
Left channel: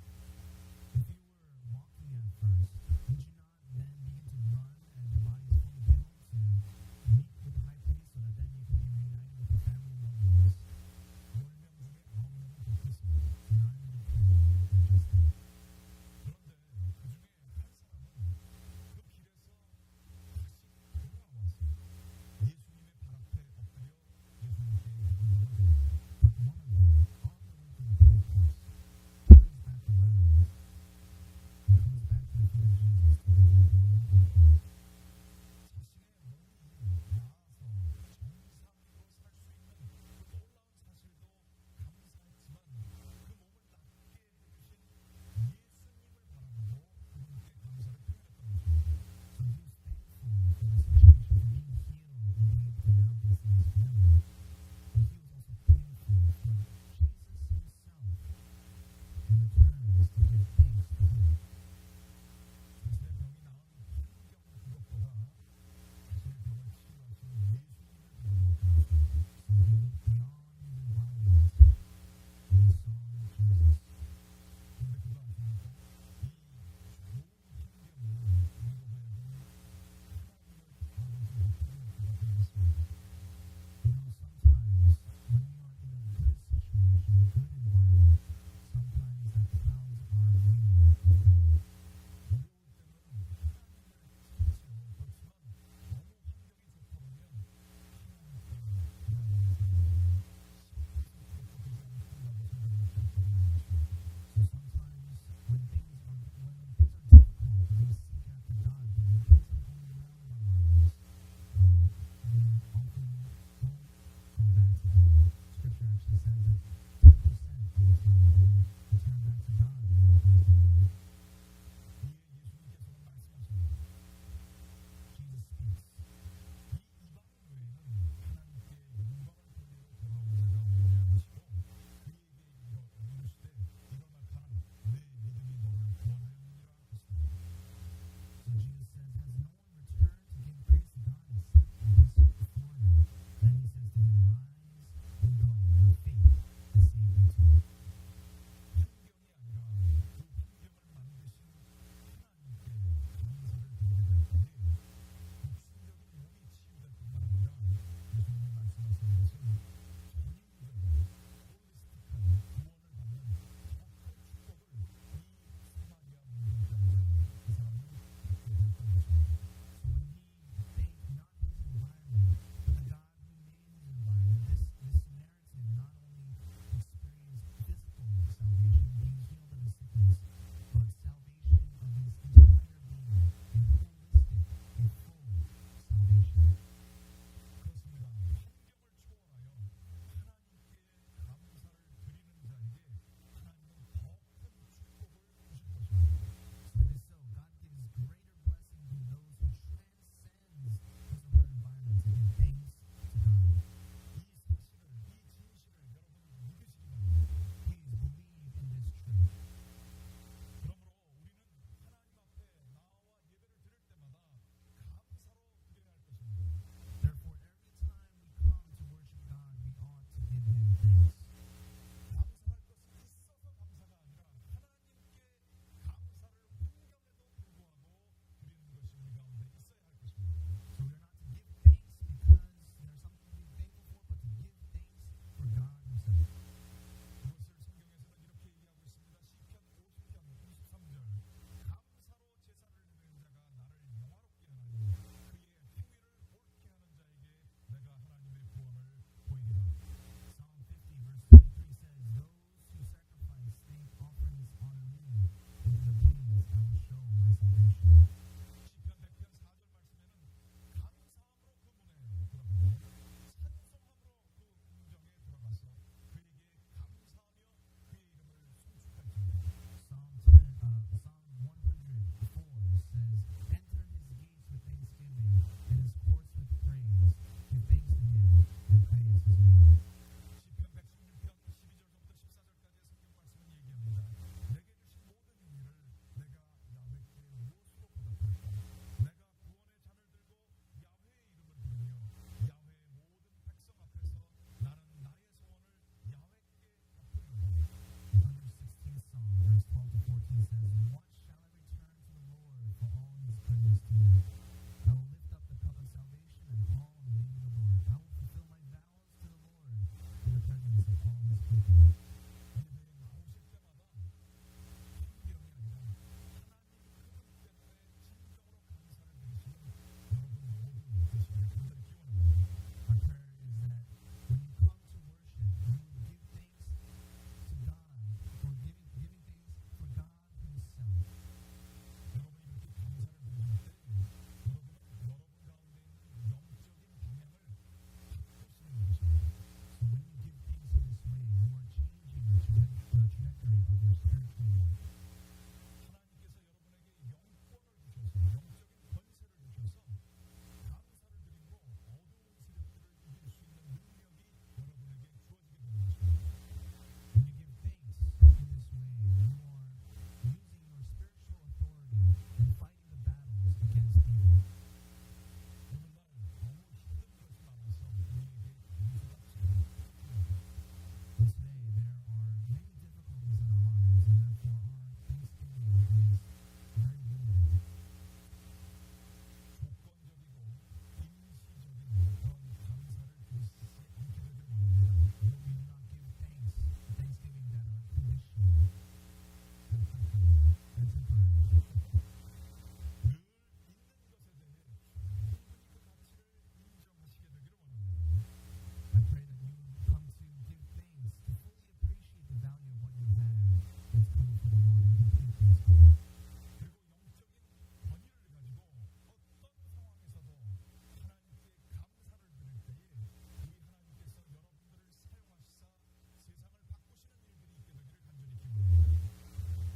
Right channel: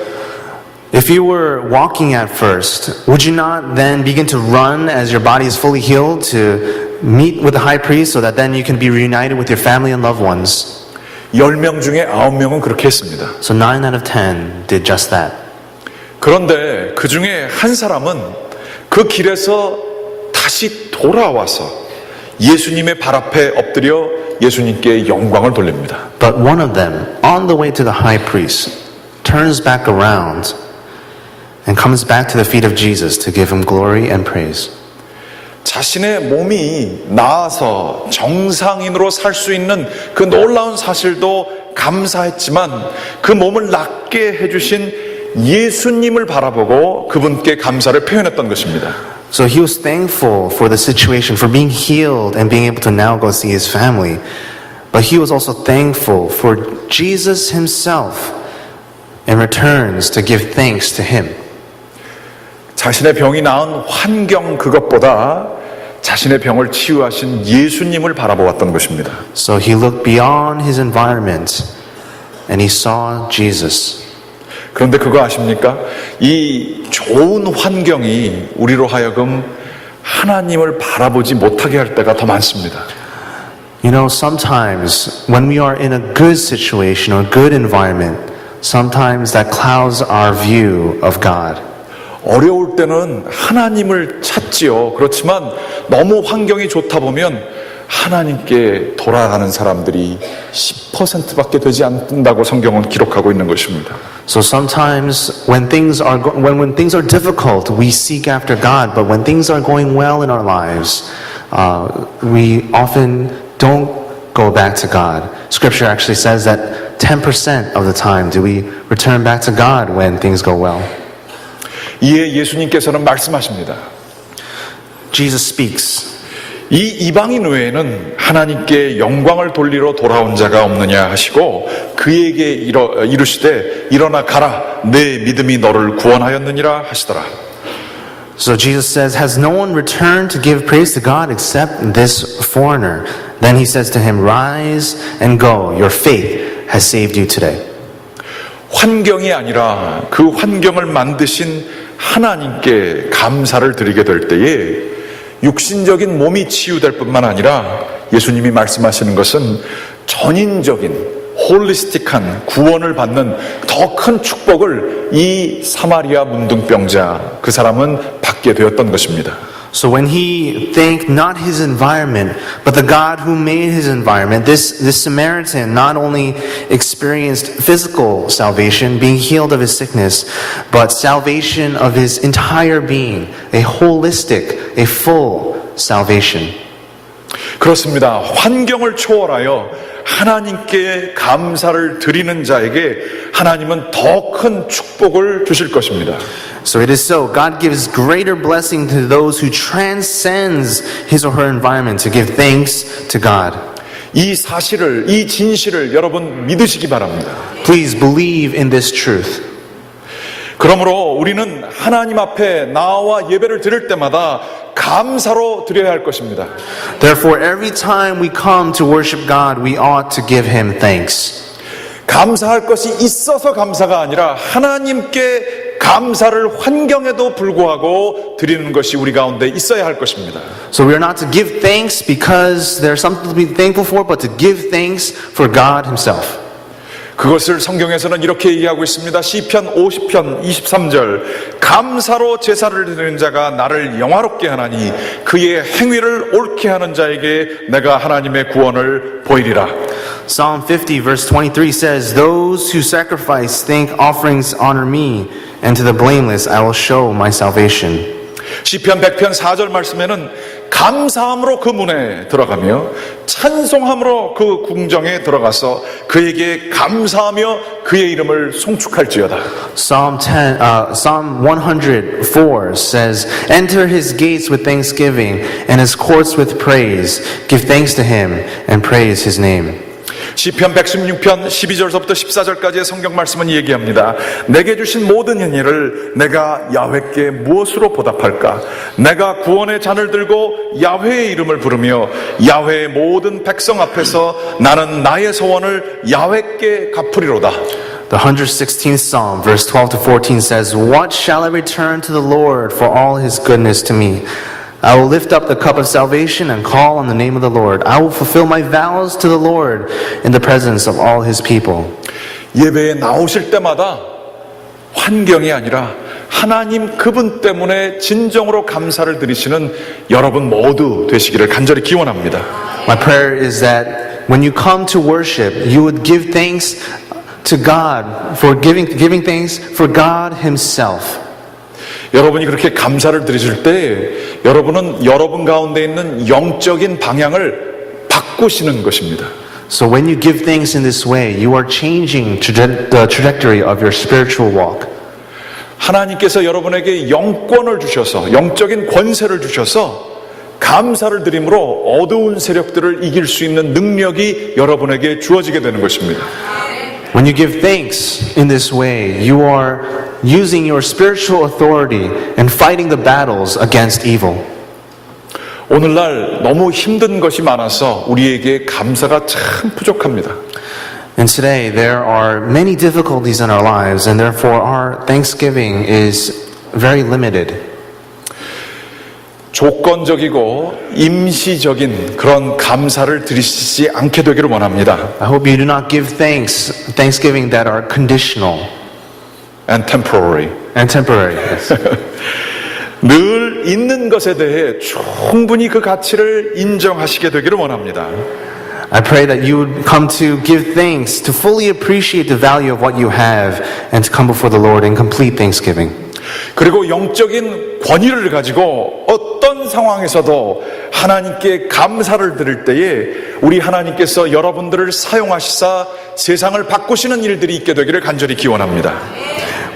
If you were walking at first, would you not then begin to run as your body is fully healed to meet with the high priest so that then you can be reunited with your family and loved ones? 10명 중에 9명은 그렇게 했습니다. So 9 out of 10 did just that. 그런데 그 중에 한 사람은 그 길에서 다시 돌아와서 예수님의 발 앞에 엎드려 예수님께 영광을 돌립니다. But one of them, on the way to the high priest, turns back around and comes back to the feet of Jesus to give him glory and praise. 자신의 몸이 나아서 정상인으로 살 수 있는 그 놀라운 사실도 감사했지만 그 몸을 낫게 해주신 예수님을 바라보고 그분께 감사를 표현했던 것입니다. So he was thankful for the situation, for being healed and being able to now go see his family. But he was also thankful for Jesus himself and returns to give thanks to him. 자신의 병이 나은 환경 그것보다 자신의 병을 치유하신 예수님을 바라보았던 것입니다. So he looked beyond his environment and he saw Jesus. 그런데 그거 아십니까? 이 좋은 환경이 우리로 하여금 하나님을 바라보지 못하게 할 때가 더 많습니다. You know, sometimes when we are in a good situation or good environment, sometimes that clouds our view of God. 어려울 때는 하나님을 찾지요. 그렇지만 너무 환경이 좋다 보면 하나님께 돌아가는 사람들이 10%밖에 되지 않는다고 성경은 기록하고 있는 것입니다. So sometimes when things are when things are difficult, we seek after God. But when things are going well in our lives, we often don't go back to God. Scripture actually says that 10% of the time do we return back to God when things go well. 이에 예수님께서는 말씀하십니다. Jesus speaks. 이 이방인 외에는 하나님께 영광을 돌리러 돌아온 자가 없느냐 하시고 그에게 이르시되 일어나 가라 내 믿음이 너를 구원하였느니라 하시더라. So Jesus says, has no one returned to give praise to God except this foreigner? Then he says to him, rise and go. Your faith has saved you today. 환경이 아니라 그 환경을 만드신 하나님께 감사를 드리게 될 때에 육신적인 몸이 치유될 뿐만 아니라 예수님이 말씀하시는 것은 전인적인 홀리스틱한 구원을 받는 더 큰 축복을 이 사마리아 문둥병자 그 사람은 받게 되었던 것입니다. So when he thanked not his environment, but the God who made his environment, this Samaritan not only experienced physical salvation, being healed of his sickness, but salvation of his entire being, a holistic, a full salvation. 그렇습니다. 환경을 초월하여 하나님께 감사를 드리는 자에게 하나님은 더 큰 축복을 주실 것입니다. So it is so. God gives greater blessing to those who transcends his or her environment to give thanks to God. 이 사실을, 이 진실을 여러분 믿으시기 바랍니다. Please believe in this truth. 그러므로 우리는 하나님 앞에 나와 예배를 드릴 때마다 감사로 드려야 할 것입니다. Therefore, every time we come to worship God, we ought to give him thanks. 감사할 것이 있어서 감사가 아니라 하나님께 감사를 환경에도 불구하고 드리는 것이 우리 가운데 있어야 할 것입니다. So we are not to give thanks because there's something to be thankful for, but to give thanks for God himself. 그것을 성경에서는 이렇게 얘기하고 있습니다. 시편 50편 23절 감사로 제사를 드리는 자가 나를 영화롭게 하나니 그의 행위를 옳게 하는 자에게 내가 하나님의 구원을 보이리라. Psalm 50 verse 23 says, those who sacrifice thank offerings honor me, and to the blameless I will show my salvation. 시편 100편 4절 말씀에는 감사함으로 그 문에 들어가며 찬송함으로 그 궁정에 들어가서 그에게 감사하며 그의 이름을 송축할지어다. Psalm 104 says, enter his gates with thanksgiving and his courts with praise. Give thanks to him and praise his name. 시편 116편 12절부터 14절까지의 성경 말씀은 얘기합니다. 내게 주신 모든 행위를 내가 야훼께 무엇으로 보답할까? 내가 구원의 잔을 들고 야훼의 이름을 부르며 야훼의 모든 백성 앞에서 나는 나의 소원을 야훼께 갚으리로다. The 116th Psalm, verse 12 to 14 says, what shall I return to the Lord for all his goodness to me? I will lift up the cup of salvation and call on the name of the Lord. I will fulfill my vows to the Lord in the presence of all his people. 예배에 나오실 때마다 환경이 아니라 하나님 그분 때문에 진정으로 감사를 드리시는 여러분 모두 되시기를 간절히 기원합니다. My prayer is that when you come to worship, you would give thanks to God for giving thanks for God himself. 여러분이 그렇게 감사를 드리실 때 여러분은 여러분 가운데 있는 영적인 방향을 바꾸시는 것입니다. So when you give thanks in this way, you are changing the trajectory of your spiritual walk. 하나님께서 여러분에게 영권을 주셔서 영적인 권세를 주셔서 감사를 드림으로 어두운 세력들을 이길 수 있는 능력이 여러분에게 주어지게 되는 것입니다. When you give thanks in this way, you are using your spiritual authority and fighting the battles against evil. 오늘날 너무 힘든 것이 많아서 우리에게 감사가 참 부족합니다. And today there are many difficulties in our lives, and therefore our thanksgiving is very limited. 조건적이고 임시적인 그런 감사를 드리시지 않게 되기를 원합니다. I hope you do not give thanksgiving that are conditional And temporary. and temporary. 늘 있는 것에 대해 충분히 그 가치를 인정하시게 되기를 원합니다. I pray that you would come to give thanks, to fully appreciate the value of what you have, and to come before the Lord in complete thanksgiving. 그리고 영적인 권위를 가지고 어떤 상황에서도 하나님께 감사를 드릴 때에 우리 하나님께서 여러분들을 사용하시사 세상을 바꾸시는 일들이 있게 되기를 간절히 기원합니다.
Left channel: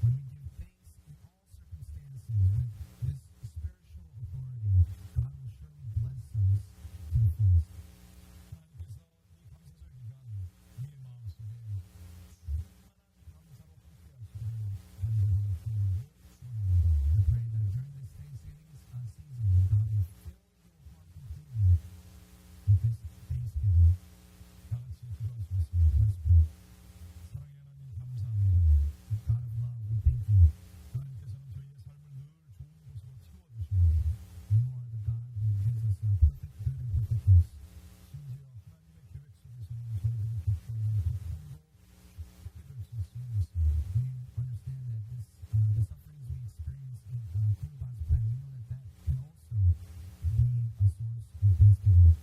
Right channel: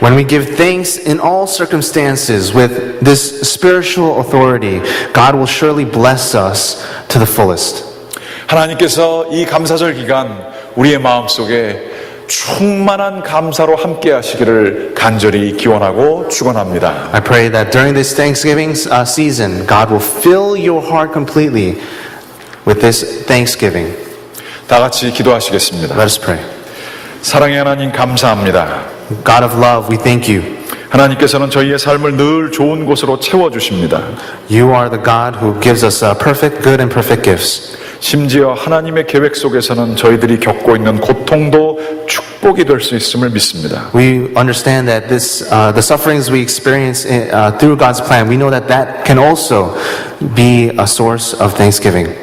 When we give thanks in all circumstances with this spiritual authority, God will surely bless us to the fullest. 하나님께서 이 감사절 기간 우리의 마음속에 충만한 감사로 함께 하시기를 간절히 기원하고 축원합니다. I pray that during this Thanksgiving season, God will fill your heart completely with this thanksgiving. 다 같이 기도하시겠습니다. Let us pray. 사랑의 하나님 감사합니다. God of love, we thank you. 하나님께서는 저희의 삶을 늘 좋은 곳으로 채워주십니다. You are the God who gives us perfect good and perfect gifts. 심지어 하나님의 계획 속에서는 저희들이 겪고 있는 고통도 축복이 될 수 있음을 믿습니다. We understand that the sufferings we experience through God's plan, we know that that can also be a source of thanksgiving.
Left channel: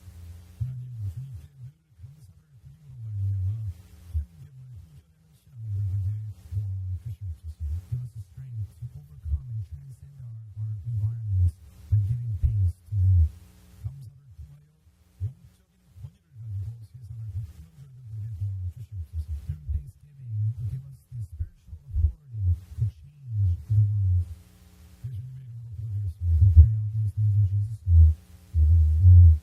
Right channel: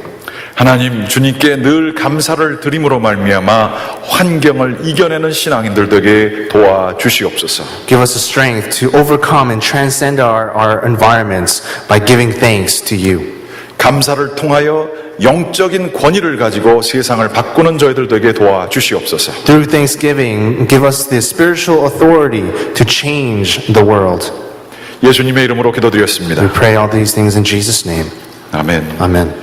하나님 주님께 늘 감사를 드림으로 말미암아 환경을 이겨내는 신앙인들 되게 도와주시옵소서. Give us the strength to overcome and transcend our environments by giving thanks to you. 감사를 통하여 영적인 권위를 가지고 세상을 바꾸는 저희들 되게 도와주시옵소서. Through thanksgiving, give us the spiritual authority to change the world. 예수님의 이름으로 기도드렸습니다. We pray all these things in Jesus' name. 아멘. Amen.